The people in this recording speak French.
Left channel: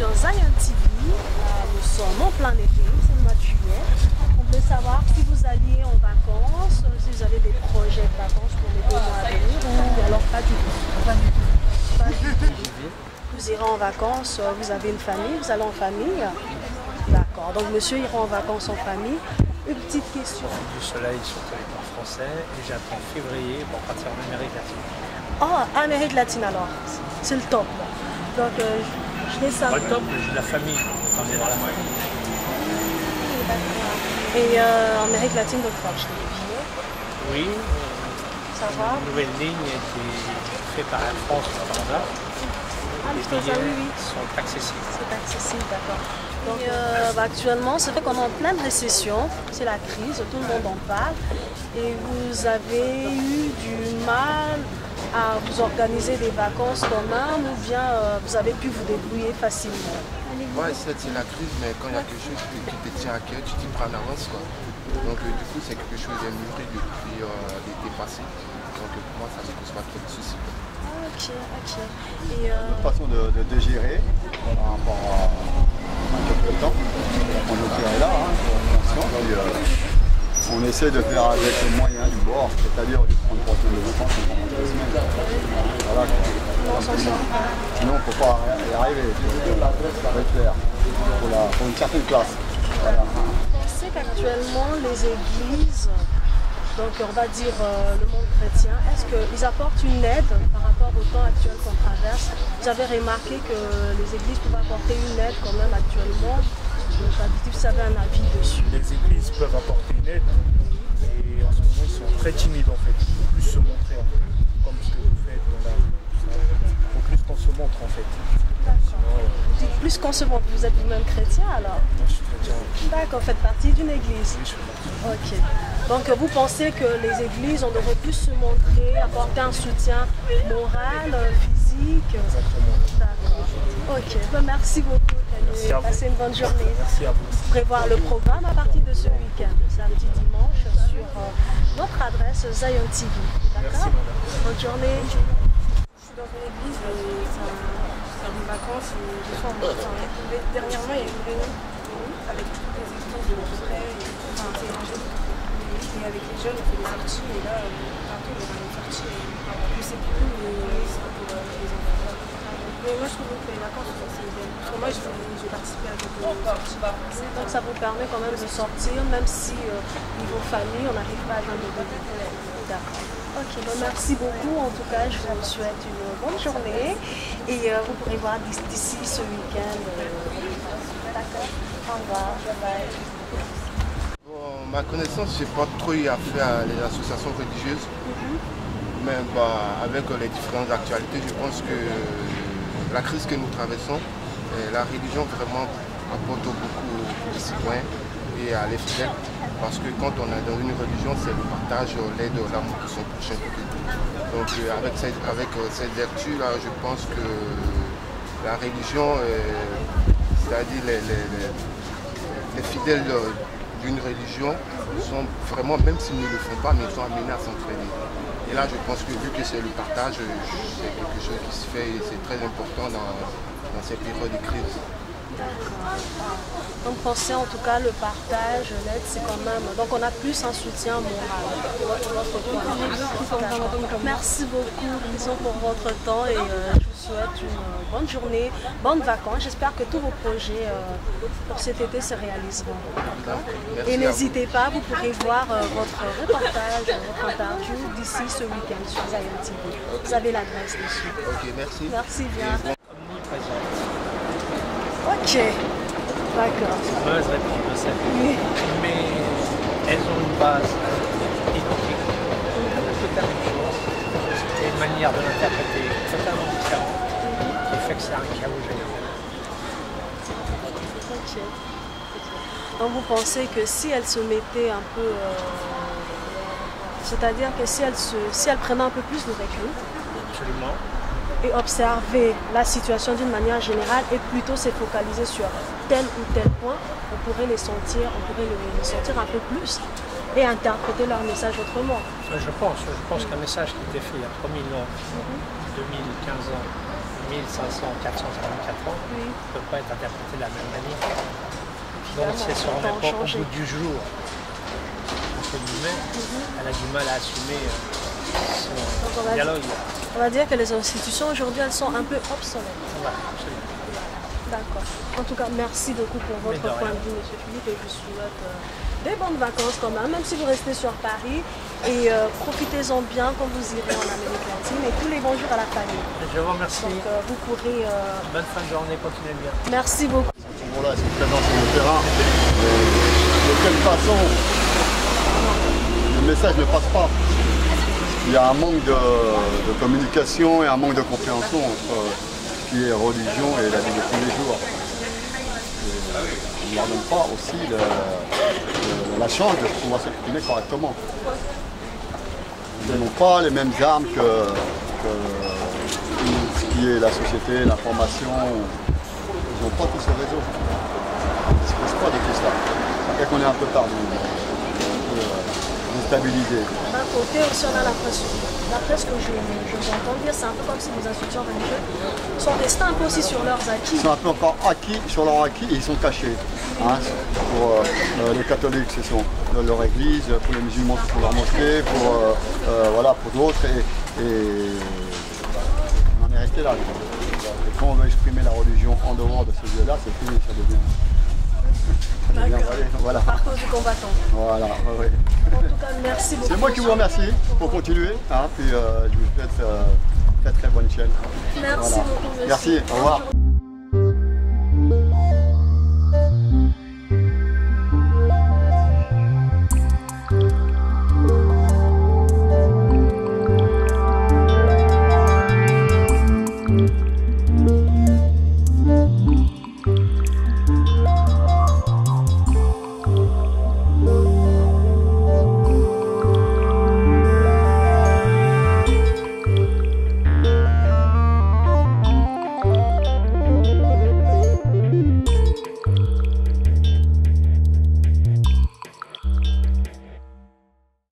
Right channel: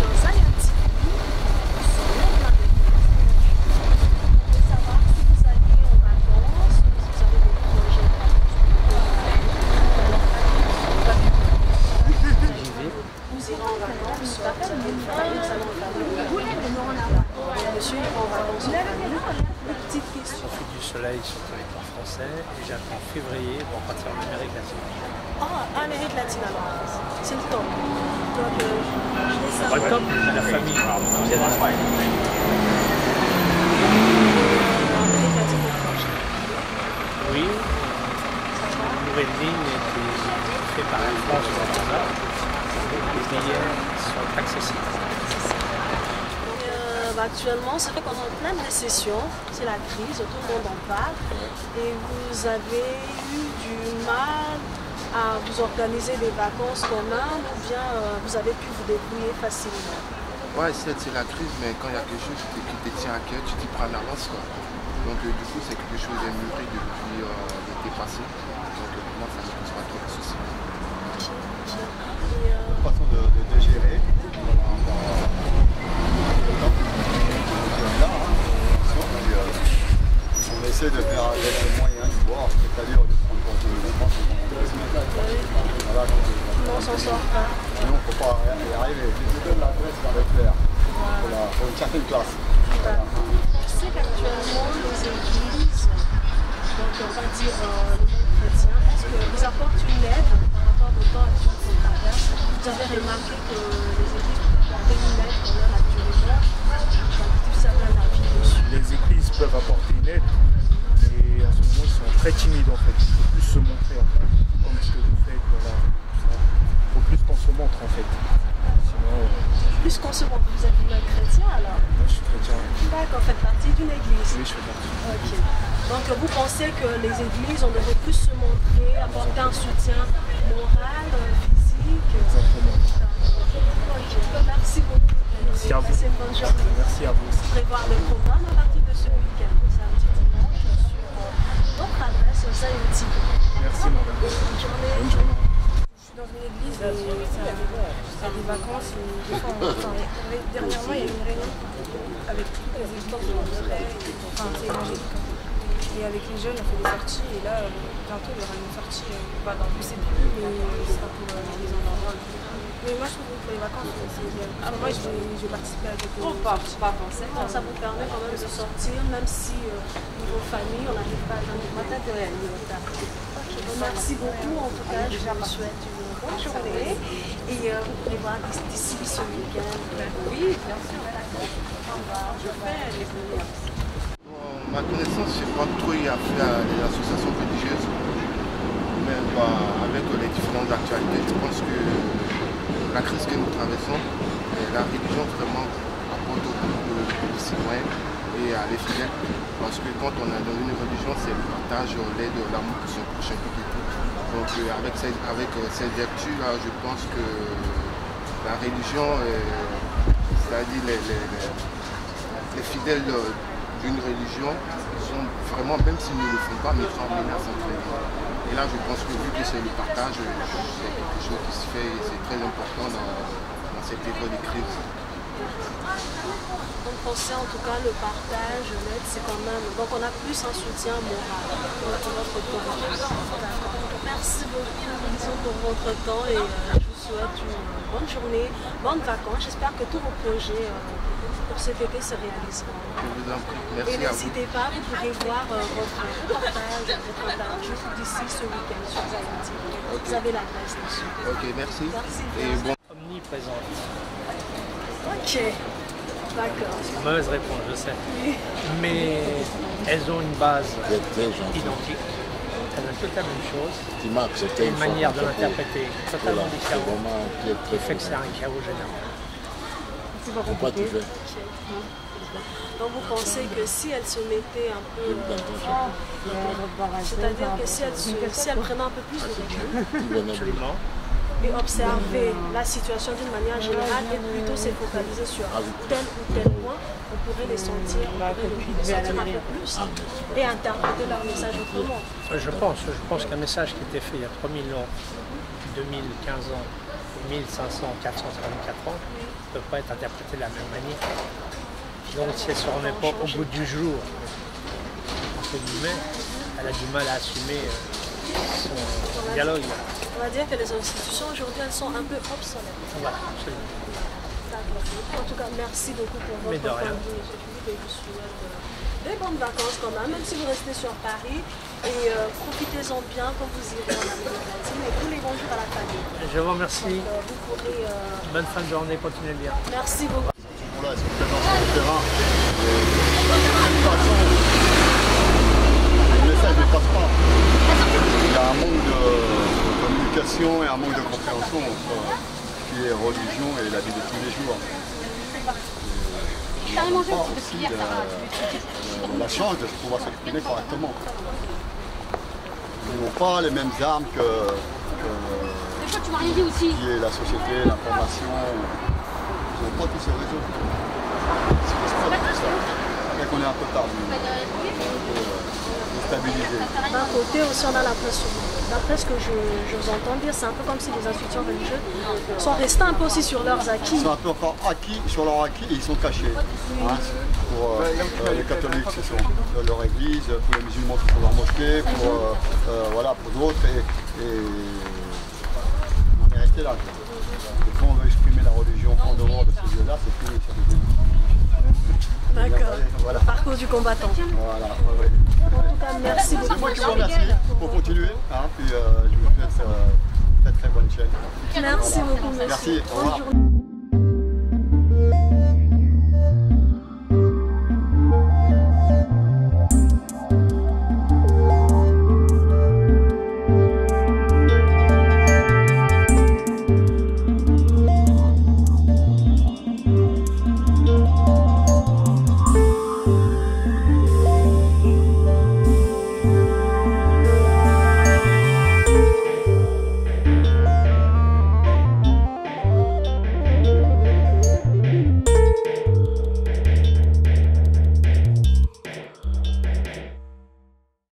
sur Zion TV. Nous sommes en plein été, c'est le mois de juillet. On voulait savoir si vous alliez en vacances, si vous avez des projets de vacances pour le mois à venir, ou alors pas du tout. Pas du tout. Vous irez en vacances, vous avez une famille, vous allez en famille. D'accord, donc monsieur ira en vacances en famille. Une petite question. Je profite du soleil sur le territoire français et j'attends février pour partir en Amérique latine. Ah, Amérique latine alors, c'est le top. Donc je vais savoir. Pas le top, mais j'ai de la famille. Quand j'ai dans la famille. Et Amérique latine, donc proche. Oui, Ça va? une nouvelle ligne qui est faite par Air France au Canada. Les billets sont accessibles. C'est accessible, d'accord. Donc actuellement, c'est vrai qu'on est en pleine récession, c'est la crise, tout le monde en parle. Et vous avez eu du mal à vous organiser des vacances quand même, ou bien vous avez pu vous débrouiller facilement? Ouais, c'est la crise, mais quand il y a quelque chose qui te tient à cœur, tu t'y prends en avance, quoi. Donc du coup, c'est quelque chose qui est mûri depuis l'été passé. Donc pour moi, ça ne me pose pas trop de soucis. Ok, ok. Et Notre façon de gérer par rapport à le temps. On est là, hein, puis, on essaie de faire avec le moyen du bord, c'est-à-dire de prendre 3 semaines de vacances, on prend 2 semaines. Voilà. on s'en sort pas. Sinon, il ne faut pas y arriver. Ça va être clair. Pour une certaine classe. Voilà. Je sais qu'actuellement, les églises, donc on va dire le monde chrétien, est-ce qu'ils apportent une aide par rapport au temps actuel qu'on traverse? Vous avez remarqué que les églises peuvent apporter une aide quand même actuellement. Si vous avez un avis dessus. Les églises peuvent apporter une aide, mais en ce moment ils sont très timides en fait. Il faut plus se montrer en fait, comme ce que vous faites dans la rue. Il faut plus qu'on se montre en fait. Sinon, Plus qu'on se montre, vous êtes vous-même chrétien alors? moi je suis chrétien. D'accord, faites partie d'une église. Oui, je fais partie. Ok. Donc vous pensez que les églises, on devrait plus se montrer, apporter un soutien moral, physique? Exactement. D'accord. Ok, ben, merci beaucoup. Merci à vous. Passez une bonne journée. Merci à vous. Vous pourrez voir le programme à partir de ce week-end, samedi, dimanche, sur notre adresse Zion TV. Merci madame. Bonne journée. Bonne journée. Je suis dans une église et ça a des vacances et des fois dernièrement il y a eu une réunion avec toutes les églises frais, c'est évangélique. Et avec les jeunes on fait des sorties et là bientôt il y aura une sortie, je sais plus mais ce sera pour les enfants. Mais moi je trouve que pour les vacances c'est idéal. Parce que moi je vais participer à quelques sorties. Donc ça vous permet quand même de sortir, même si niveau famille, on n'arrive pas à joindre les contacts. D'accord. Ok, bon, merci beaucoup. En tout cas, je vous souhaite une bonne journée. Et vous pourrez voir d'ici ce week-end. D'accord. Au revoir. Bon, ma connaissance, je n'ai pas trop eu affaire à les associations religieuses. Mais avec les différentes actualités, je pense que la crise que nous traversons, la religion vraiment apporte beaucoup aux citoyens et à les fidèles. Parce que quand on est dans une religion, c'est le partage, l'aide, l'amour pour son prochain, tout et tout. Donc avec cette vertu-là, je pense que la religion, c'est-à-dire les fidèles d'une religion, sont vraiment, même s'ils ne le font pas, mais ils sont amenés à s'entraider. Et là, je pense que vu que c'est le partage, c'est quelque chose qui se fait et c'est très important dans ces périodes de crise. Donc pensez en tout cas le partage, l'aide, c'est quand même... Donc on a plus un soutien moral. Votre point. Merci beaucoup disons, pour votre temps et je vous souhaite une bonne journée, bonnes vacances. J'espère que tous vos projets pour cet été se réaliseront. Merci Et à vous. n'hésitez pas, vous pourrez voir votre reportage, votre interview d'ici ce week-end sur Zion TV. Ok. Vous avez l'adresse dessus. Ok, merci. Merci Et bien. bon. Omniprésente. Ok, d'accord. C'est une mauvaise réponse, je sais. Oui. Mais elles ont une base identique. Elles veulent toutes la même chose. Et une manière de l'interpréter totalement différente qui fait que c'est un chaos général. Ok. Donc vous pensez que si elle se mettait un peu, c'est-à-dire que si elle prenait un peu plus de recul Absolument. et observait la situation d'une manière générale et plutôt se focaliser sur tel ou tel point, on pourrait les sentir, le sentir un peu plus et interpréter leur message autrement. Je pense qu'un message qui était fait il y a 3000 ans, 2015 ans, 1500, 454 ans Oui. ne peut pas être interprété de la même manière. Donc c'est sur n'importe au bout du jour, entre guillemets, elle a du mal à assumer son dialogue. On va dire que les institutions aujourd'hui, elles sont un peu obsolètes. Voilà, absolument. D'accord. En tout cas, merci beaucoup pour votre point de vue, M. Philippe, et je vous souhaite des bonnes vacances quand même si vous restez sur Paris. Et profitez-en bien quand vous irez en Amérique latine. Et tous les bonjours à la famille. Je vous remercie. Donc, vous pourrez... Bonne fin de journée, continuez bien. Merci beaucoup. Voilà, ils sont présents sur le terrain. De quelle façon le message ne passe pas. Il y a un manque de communication et un manque de compréhension entre ce qui est religion et la vie de tous les jours. On ne leur donne pas aussi la chance de pouvoir s'exprimer correctement. Ils n'ont pas les mêmes armes que ce qui est la société, l'information. Ils n'ont pas tous ces réseaux. Ils ne se posent pas de tout ça. Ça fait qu'on est un peu perdu, un peu déstabilisé. D'un côté aussi, on a l'impression, d'après ce que je vous entends dire, c'est un peu comme si les institutions religieuses sont restées un peu aussi sur leurs acquis. Ils sont un peu encore acquis, sur leur acquis, et ils sont cachés. Hein. Pour les catholiques, c'est leur église, pour les musulmans, c'est pour leur mosquée, voilà, pour d'autres. Et on en est resté là. Et quand on veut exprimer la religion en dehors de ce lieu-là, c'est fini, ça devient... D'accord. Voilà. Parcours du combattant. Voilà, oui. En tout cas, merci beaucoup. C'est moi qui vous remercie pour continuer. Hein, puis je vous souhaite très très bonne chaîne. Merci beaucoup, monsieur. Merci, au revoir. Bonne journée.